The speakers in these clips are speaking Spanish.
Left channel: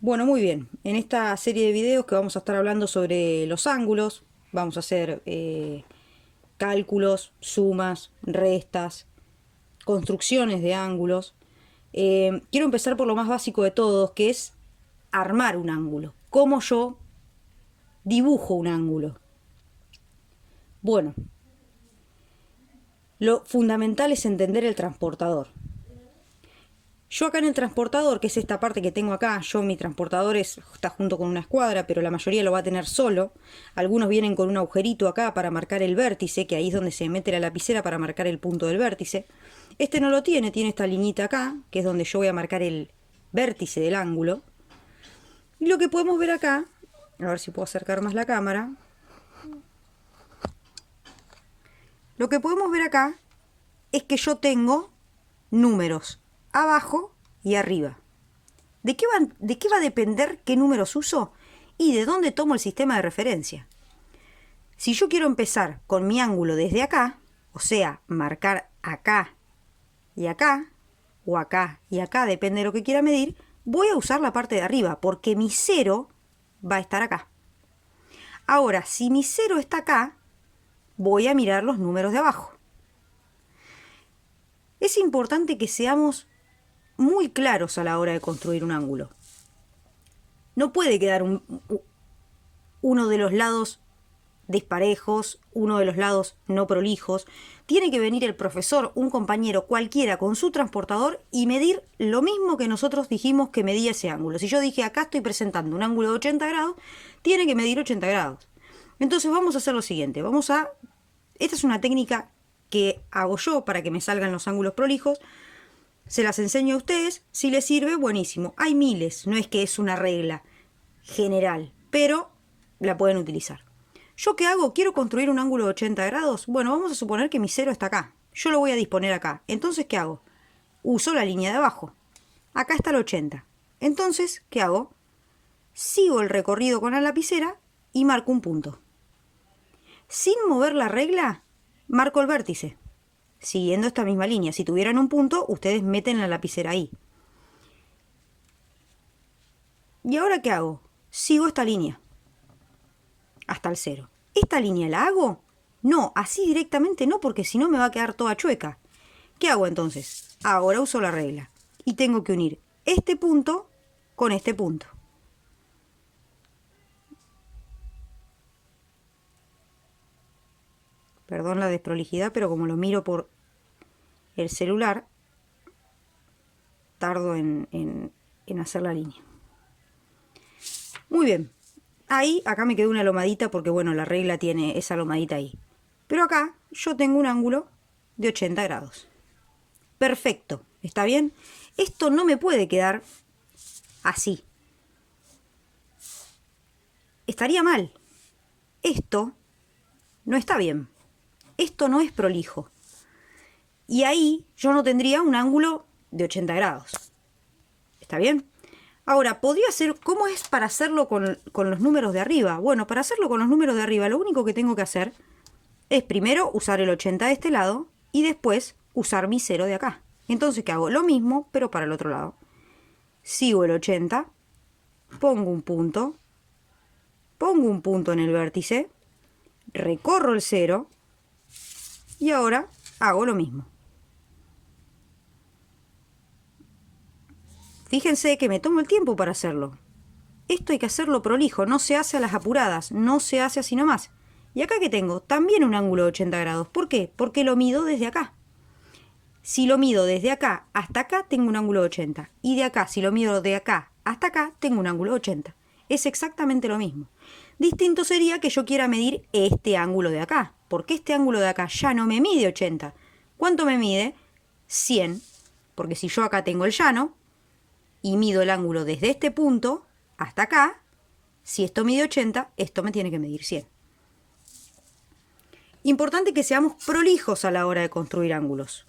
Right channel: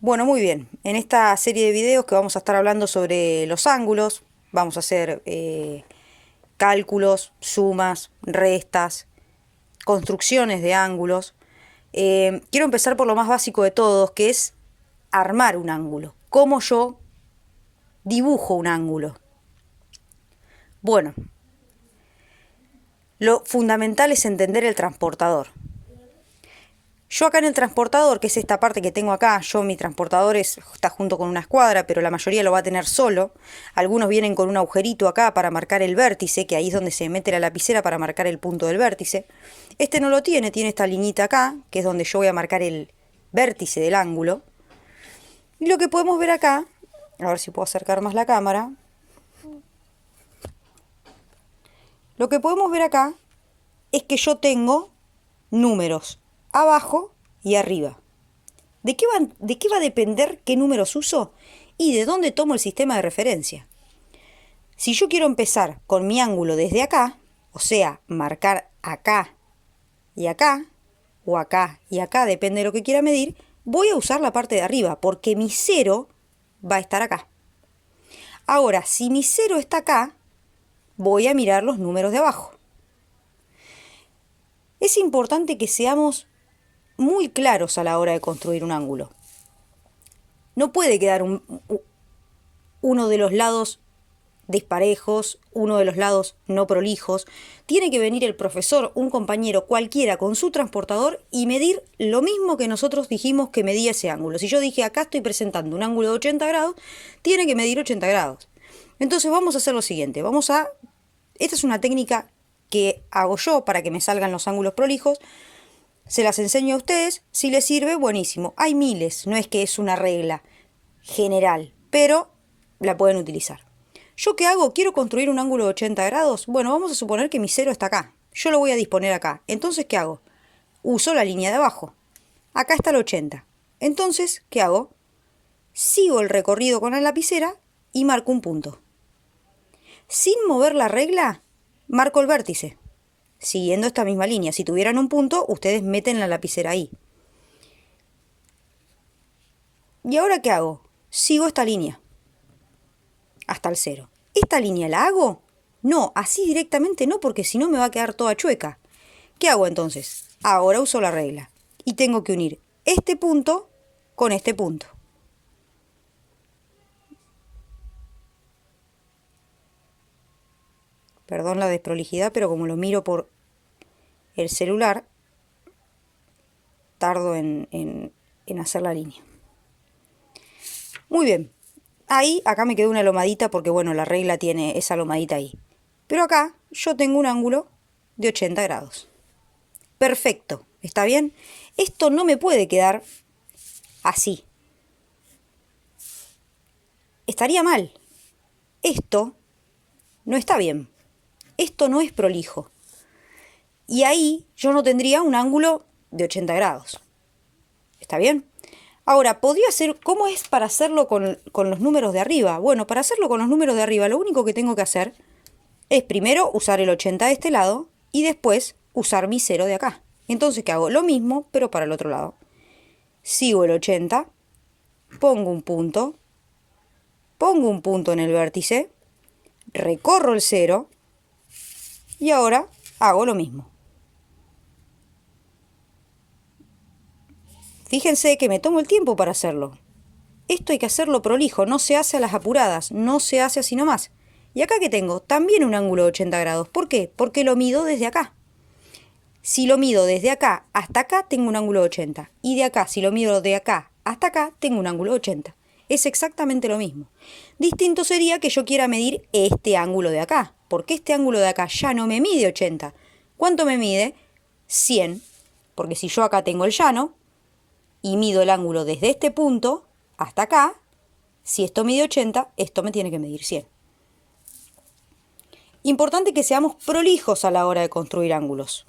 Bueno, muy bien. En esta serie de videos que vamos a estar hablando sobre los ángulos, vamos a hacer cálculos, sumas, restas, construcciones de ángulos. Quiero empezar por lo más básico de todos, que es armar un ángulo. ¿Cómo yo dibujo un ángulo? Bueno, lo fundamental es entender el transportador. Yo acá en el transportador, que es esta parte que tengo acá, mi transportador está junto con una escuadra, pero la mayoría lo va a tener solo. Algunos vienen con un agujerito acá para marcar el vértice, que ahí es donde se mete la lapicera para marcar el punto del vértice. Este no lo tiene, tiene esta liñita acá, que es donde yo voy a marcar el vértice del ángulo. Y lo que podemos ver acá, a ver si puedo acercar más la cámara. Lo que podemos ver acá es que yo tengo números abajo y arriba. ¿De qué va a depender qué números uso y de dónde tomo el sistema de referencia? Si yo quiero empezar con mi ángulo desde acá, o sea, marcar acá y acá, o acá y acá, depende de lo que quiera medir, voy a usar la parte de arriba, porque mi cero va a estar acá. Ahora, si mi cero está acá, voy a mirar los números de abajo. Es importante que seamos muy claros a la hora de construir un ángulo. No puede quedar uno de los lados disparejos, uno de los lados no prolijos. Tiene que venir el profesor, un compañero cualquiera con su transportador y medir lo mismo que nosotros dijimos que medía ese ángulo. Si yo dije acá estoy presentando un ángulo de 80 grados, tiene que medir 80 grados. Entonces vamos a hacer lo siguiente. Esta es una técnica que hago yo para que me salgan los ángulos prolijos. Se las enseño a ustedes. Si les sirve, buenísimo. Hay miles, no es que es una regla general, pero la pueden utilizar. ¿Yo qué hago? ¿Quiero construir un ángulo de 80 grados? Bueno, vamos a suponer que mi cero está acá. Yo lo voy a disponer acá. Entonces, ¿qué hago? Uso la línea de abajo. Acá está el 80. Entonces, ¿qué hago? Sigo el recorrido con la lapicera y marco un punto. Sin mover la regla, marco el vértice. Siguiendo esta misma línea. Si tuvieran un punto, ustedes meten la lapicera ahí. ¿Y ahora qué hago? Sigo esta línea hasta el cero. ¿Esta línea la hago? No, así directamente no, porque si no me va a quedar toda chueca. ¿Qué hago entonces? Ahora uso la regla y tengo que unir este punto con este punto. Perdón la desprolijidad, pero como lo miro por el celular, tardo en hacer la línea. Muy bien. Ahí, acá me quedó una lomadita porque, bueno, la regla tiene esa lomadita ahí. Pero acá yo tengo un ángulo de 80 grados. Perfecto, ¿está bien? Esto no me puede quedar así. Estaría mal. Esto no está bien. Esto no es prolijo. Y ahí yo no tendría un ángulo de 80 grados. ¿Está bien? Ahora, podría ser, ¿cómo es para hacerlo con los números de arriba? Bueno, para hacerlo con los números de arriba, lo único que tengo que hacer es primero usar el 80 de este lado y después usar mi 0 de acá. Entonces, ¿qué hago? Lo mismo, pero para el otro lado. Sigo el 80, pongo un punto en el vértice, recorro el 0 y ahora hago lo mismo. Fíjense que me tomo el tiempo para hacerlo. Esto hay que hacerlo prolijo, no se hace a las apuradas, no se hace así nomás. Y acá que tengo también un ángulo de 80 grados. ¿Por qué? Porque lo mido desde acá. Si lo mido desde acá hasta acá, tengo un ángulo de 80. Y de acá, si lo mido de acá hasta acá, tengo un ángulo de 80. Es exactamente lo mismo. Distinto sería que yo quiera medir este ángulo de acá, porque este ángulo de acá ya no me mide 80. ¿Cuánto me mide? 100. Porque si yo acá tengo el llano y mido el ángulo desde este punto hasta acá, si esto mide 80, esto me tiene que medir 100. Importante que seamos prolijos a la hora de construir ángulos.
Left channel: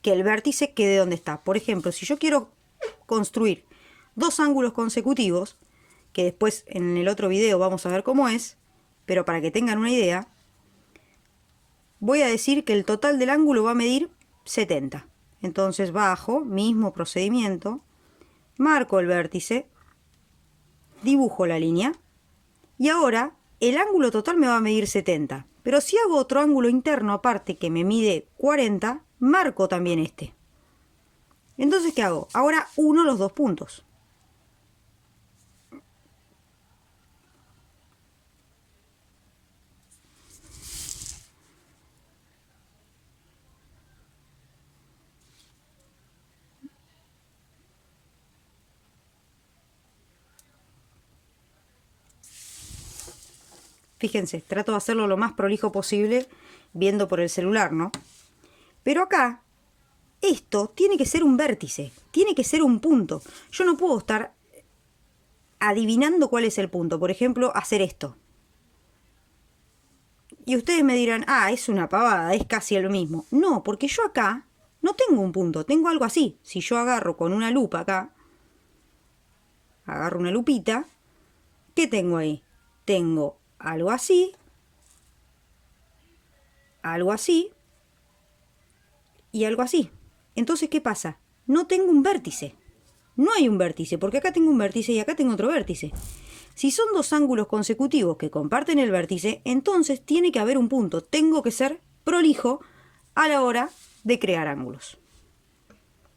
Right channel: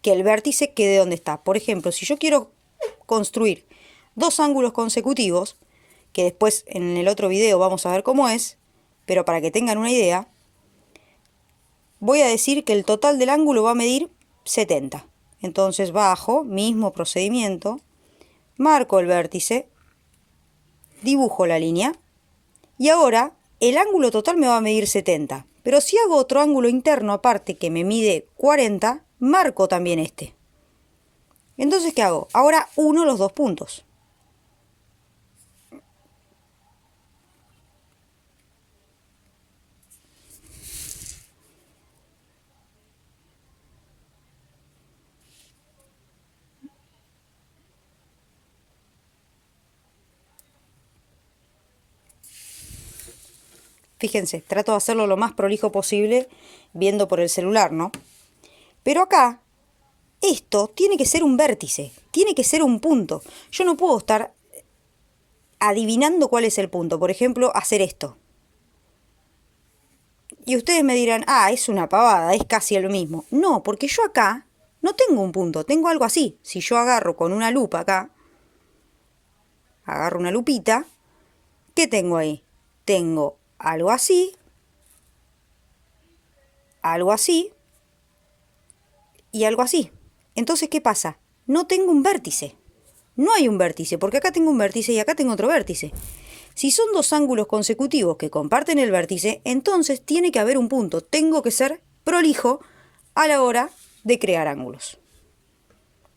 Que el vértice quede donde está. Por ejemplo, si yo quiero construir dos ángulos consecutivos, que después en el otro video vamos a ver cómo es, pero para que tengan una idea, voy a decir que el total del ángulo va a medir 70. Entonces bajo, mismo procedimiento, marco el vértice, dibujo la línea y ahora el ángulo total me va a medir 70. Pero si hago otro ángulo interno aparte que me mide 40, marco también este. Entonces, ¿qué hago? Ahora uno los dos puntos. Fíjense, trato de hacerlo lo más prolijo posible viendo por el celular, ¿no? Pero acá, esto tiene que ser un vértice, tiene que ser un punto. Yo no puedo estar adivinando cuál es el punto. Por ejemplo, hacer esto. Y ustedes me dirán, ah, es una pavada, es casi lo mismo. No, porque yo acá no tengo un punto, tengo algo así. Si yo agarro con una lupa acá, agarro una lupita, ¿qué tengo ahí? Tengo algo así y algo así. Entonces, ¿qué pasa? No tengo un vértice. No hay un vértice, porque acá tengo un vértice y acá tengo otro vértice. Si son dos ángulos consecutivos que comparten el vértice, entonces tiene que haber un punto. Tengo que ser prolijo a la hora de crear ángulos.